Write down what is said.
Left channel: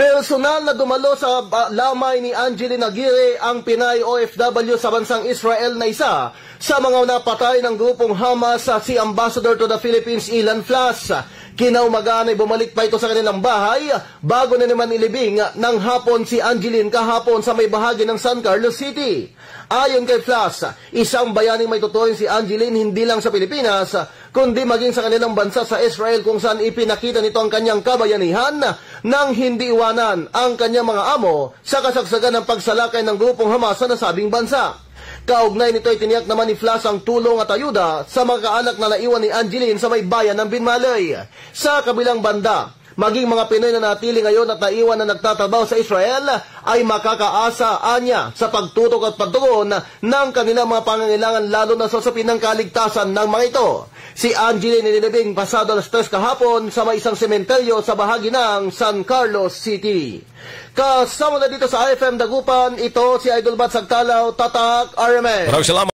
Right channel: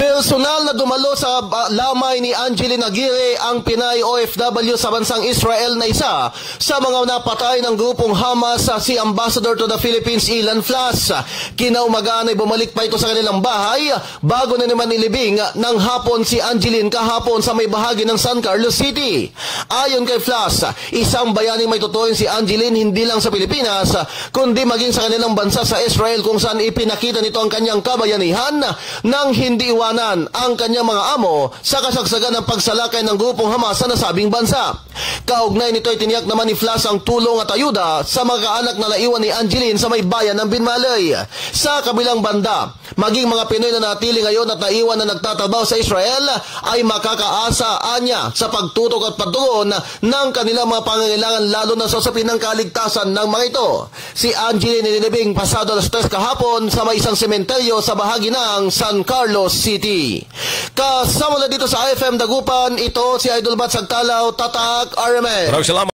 Personal na dumalo sa lamay ni Angeline Aguirre ang Pinay OFW sa bansang Israel na isa sa mga napatay ng grupong Hamas si Ambassador to the Philippines Ilan Flas. Kinaumagaan ay bumalik pa ito sa kanilang bahay bago na naman ilibing ng hapon si Angeline kahapon sa may bahagi ng San Carlos City. Ayon kay Flas, isang bayaning may tutuin si Angeline hindi lang sa Pilipinas kundi maging sa kanilang bansa sa Israel kung saan ipinakita nito ang kanyang kabayanihan nang hindi iwanan ang kanyang mga amo sa kasagsagan ng pagsalakay ng grupong Hamas sa nasabing bansa. Kaugnay nito ay tiniyak naman ni Flas ang tulong at ayuda sa mga kaanak na naiwan ni Angeline sa may bayan ng Binmalay. Sa kabilang banda, maging mga Pinoy na natili ngayon at naiwan na nagtatrabaho sa Israel ay makakaasa anya sa pagtutok at pagtugon ng kanilang mga pangangailangan lalo na sa usapin ng kaligtasan ng mga ito. Si Angeline nilibing pasado alas 3 kahapon sa may isang sementeryo sa bahagi ng San Carlos City. Kasama na dito sa IFM Dagupan, ito si Idol Bat Sagtalaw, Tatak RMA. Maraming salamat.